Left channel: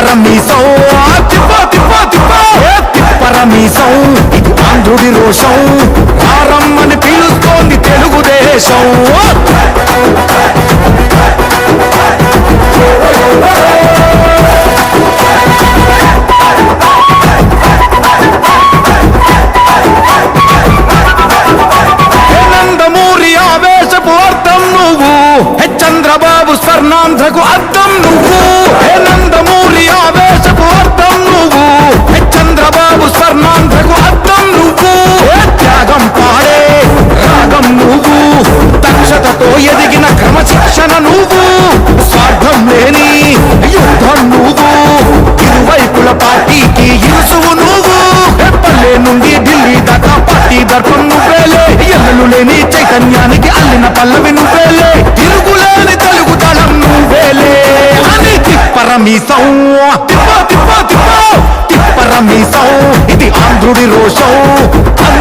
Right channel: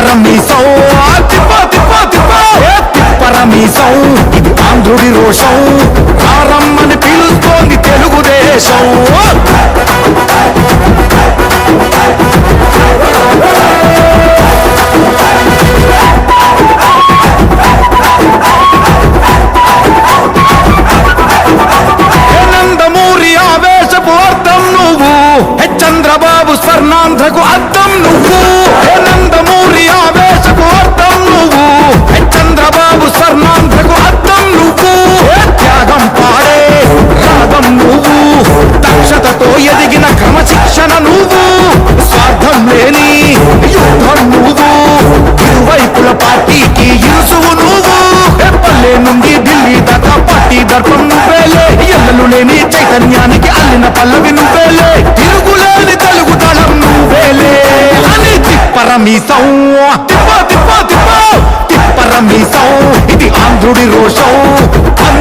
తిప్పరమీసం తిప్పో తిప్పో తిప్పో తిప్పరమీసం ఇది ఆంధ్రుడి రోషం రారమ్మని పిలుస్తోంది తెలుగుదేశం నందమూరి ఆవేశపు అర్థం నువ్వు చంద్రబాబు స్వర్ణాంధ్రకు అర్థం నువ్వు నందమూరి ఆవేశపు అర్థం నువ్వు చంద్రబాబు స్వర్ణాంధ్రకు అర్థం నువ్వు త్యాగం పాడే రాగం నువ్వు దక్షతతో ఎదిగిన క్రమశిక్షణ నువ్వు స్వార్థం లేని యుద్ధం నువ్వు ఇరువైపుల పార్టీకి ఇరుసువు నువ్వు పల్లె నుండి ఢిల్లీ దాకా పార్టీ దర్పం నువ్వేలే ఎల్లలు లేని చైతన్యానికి అల్లిన పల్లవి నువ్వేలే తిరుగులేని తెలుగు దళం నువ్వేలే అని తిప్పరమీసం తిప్పో తిప్పో తిప్పో తిప్పరమీసం ఇది ఆంధ్రుడి రోషం